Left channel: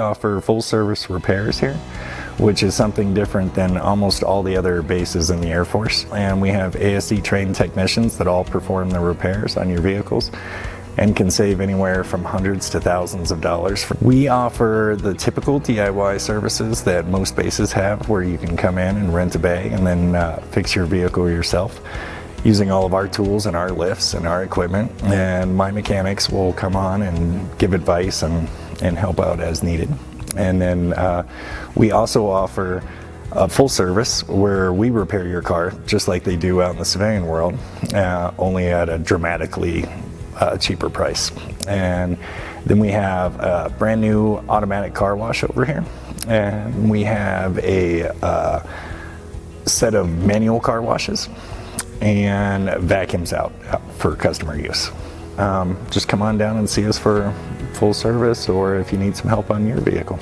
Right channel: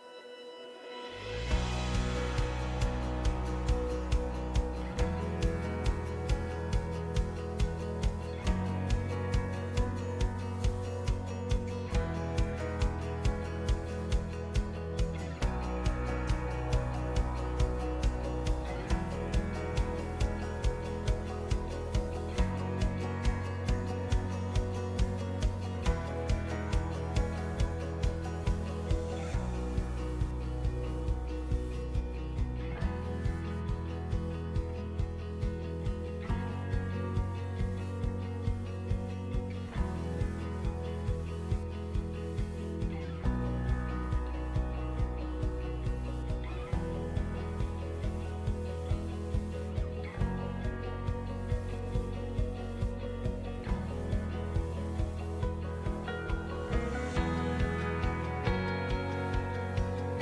offer full service repairs here, which is something different than almost all the other bases in the Air Force. And we have ASE trained technicians that all perform the repairs on your vehicles and can save anywhere from hundreds to thousands of dollars. We offer the typical DIY services that most bases have, where you can come in and rent a bay and then fix your vehicle yourself using all of our tools and our lifts and our equipment. And my mechanics will come on and give advice and help out as needed. And then we also offer a full service where we repair your car just like they do out in the civilian world, only at a dramatically cheaper price. And then we have a brand new automatic car wash over here, and we have a set of manual car washes and vacuums out for customer use. Just come on down and see us for full service, or if you need some help on your vehicle.